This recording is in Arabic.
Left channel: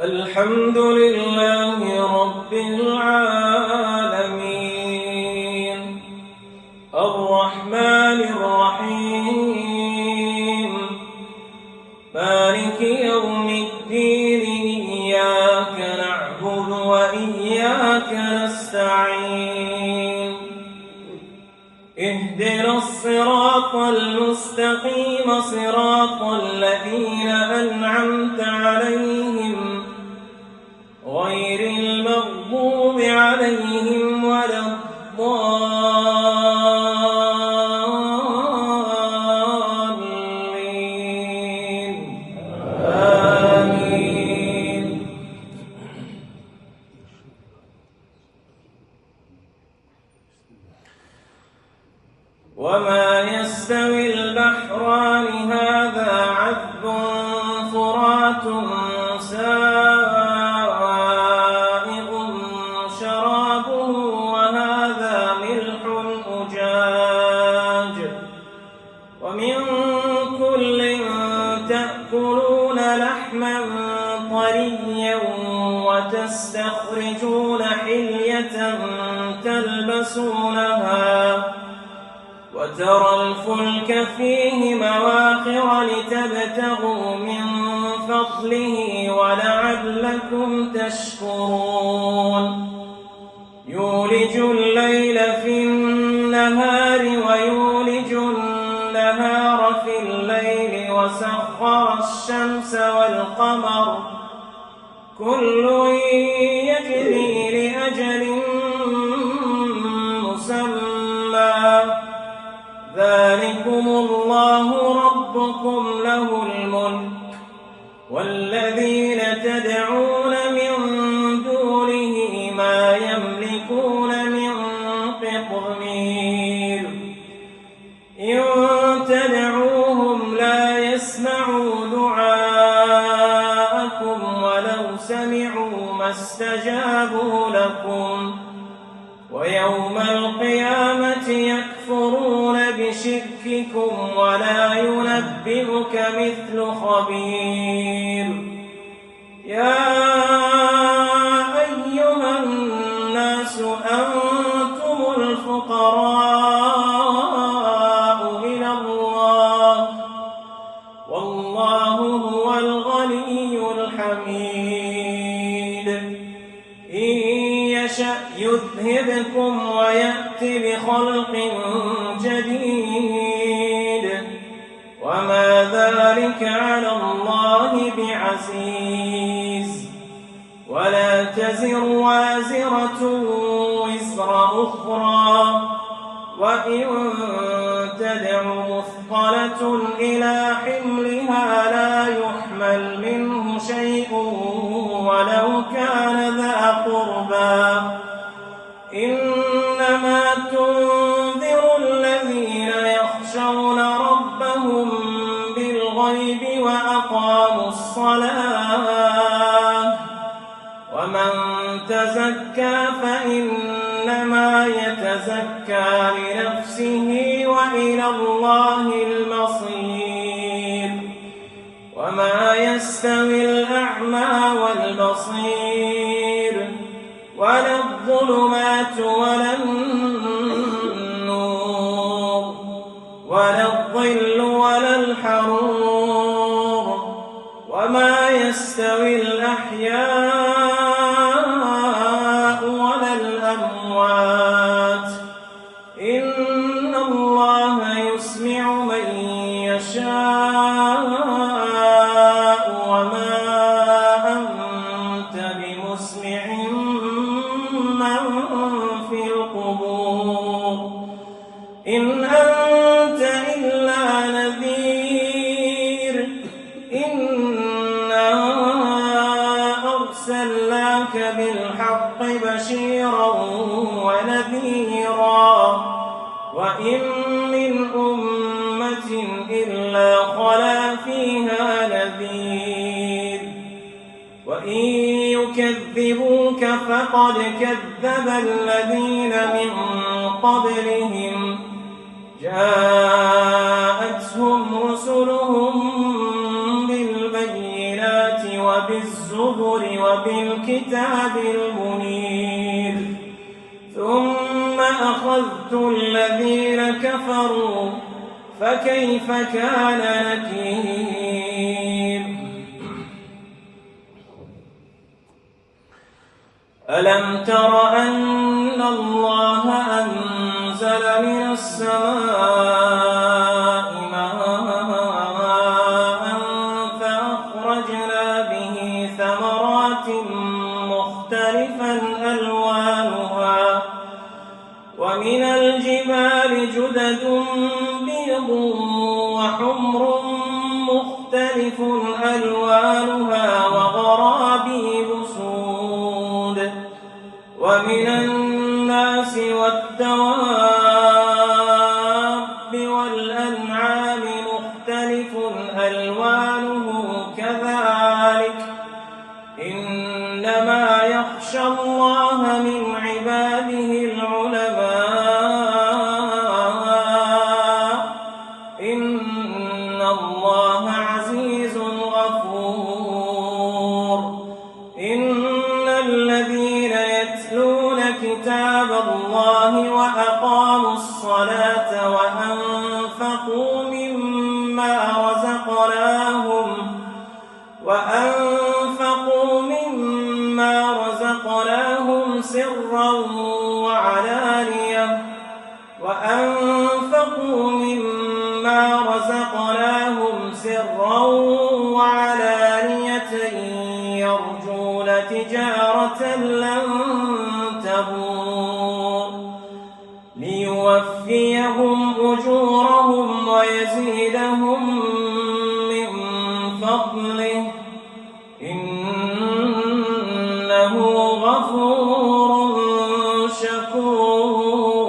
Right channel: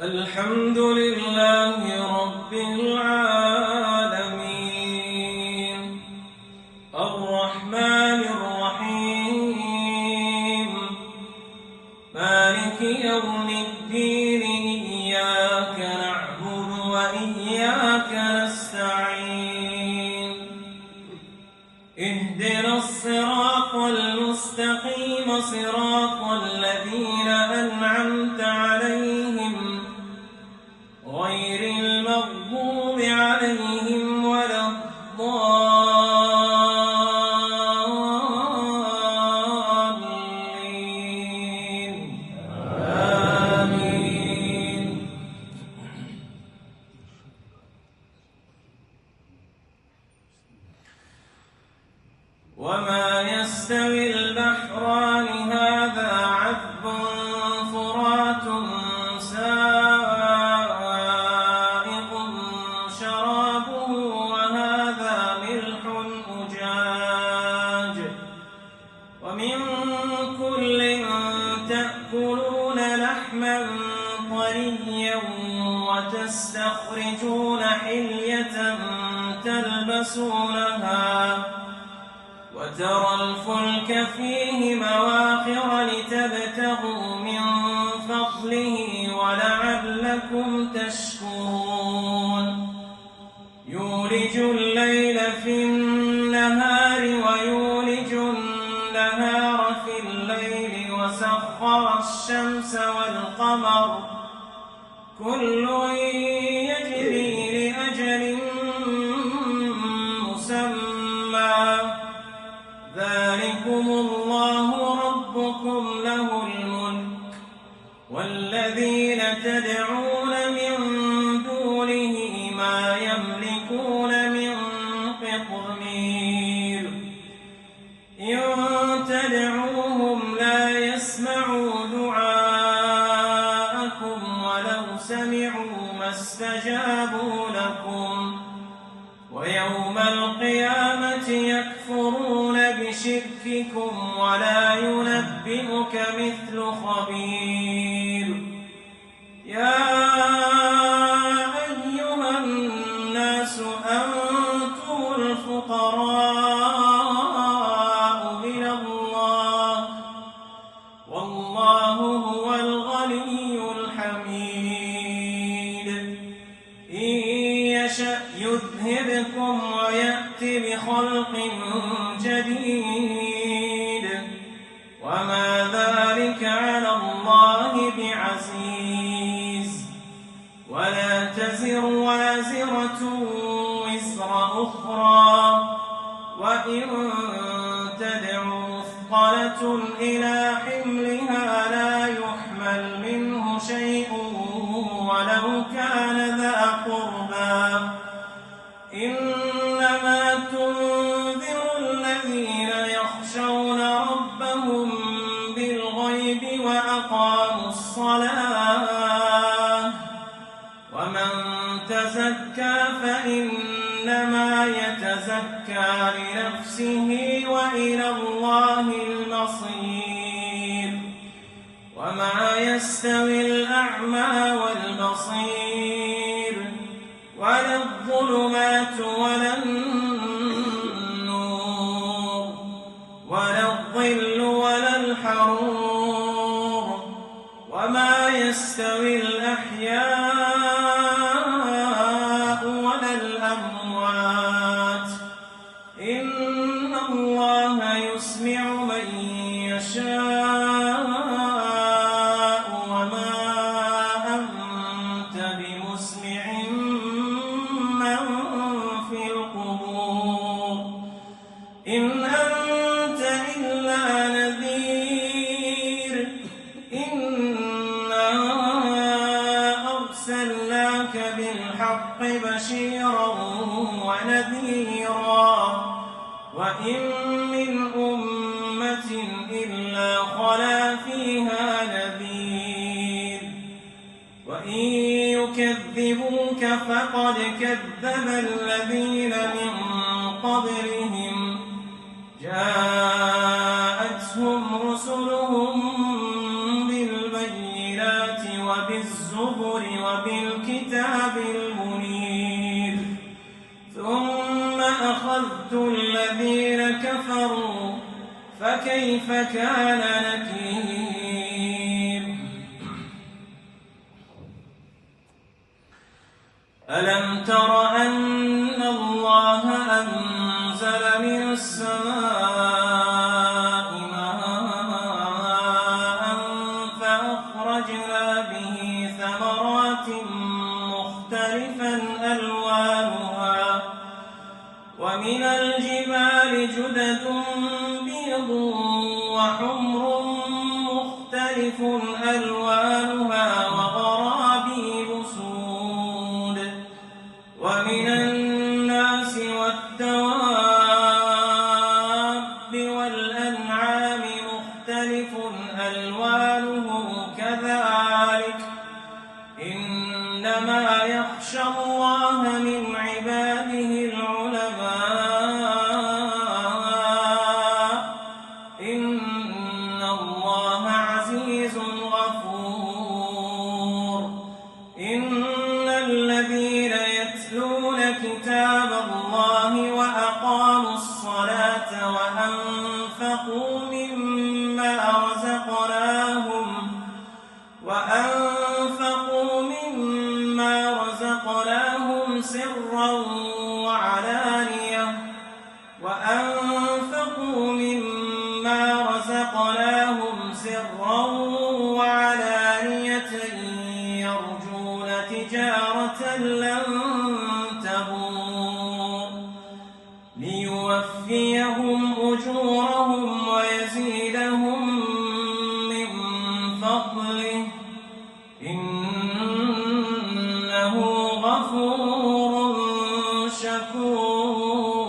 الحمد لله رب العالمين الرحمن الرحيم مالك يوم الدين إياك نعبد وإياك نستعين اهدنا الصراط المستقيم صراط الذين أنعمت عليهم غير المغضوب عليهم ولا الضالين آمين. وما يستوي البحران هذا عذب فرات سائغ شرابه وهذا ملح أجاج ومن كل تأكلون لحما طريا وتستخرجون حلية تلبسونها وترى الفلك فيه مواخر لتبتغوا من فضله ولعلكم تشكرون يولج الليل في النهار ويولج النهار في الليل وسخر الشمس والقمر كل يجري لأجل مسمى ذلكم الله ربكم له الملك والذين تدعون من دونه ما يملكون من قطمير إن تدعوهم لا يسمعوا دعاءكم ولو سمعوا ما استجابوا لكم ويوم القيامة يكفرون بشرككم ولا ينبئك مثل خبير يا أيها الناس أنتم الفقراء إلى الله والله هو الغني الحميد إن يشأ يذهبكم ويأتي بخلق جديد وما ذلك على الله بعزيز ولا تزر وازرة وزر أخرى وإن تدع مثقلة إلى حملها لا يحمل منه شيء ولو كان ذا قربى إنما تنذر الذين يخشون ربهم بالغيب وأقاموا الصلاة ومن تزكى فإنما يتزكى لنفسه وإلى الله المصير وما يستوي الأعمى والبصير ولا الظلمات ولا النور ولا الظل ولا الحرور وما يستوي الأحياء ولا الأموات إن الله يسمع من يشاء وما أنت بمسمع من في القبور إن أنت إلا نذير إنا أرسلناك بالحق بشيرا ونذيرا وإن من أمة إلا خلا فيها نذير وإن يكذبوك فقد كذب الذين من قبلهم جاءتهم رسلهم بالبينات وبالزبر الزبر وبالكتاب المنير ثم أخذت الذين كفروا فكيف كان نكير ألم تر أن الله أنزل من السماء ماء فأخرجنا به ثمرات مختلفا ألوانها ومن الجبال جدد بيض وحمر مختلف ألوانها وغرابيب سود ومن الناس والدواب والأنعام مختلف ألوانه كذلك إنما يخشى الله من عباده العلماء إن الله عزيز غفور إن الذين يتلون كتاب الله وأقاموا الصلاة وأنفقوا مما رزقناهم سرا وعلانية يرجون تجارة لن تبور ليوفيهم أجورهم ويزيدهم من فضله إنه غفور شكور.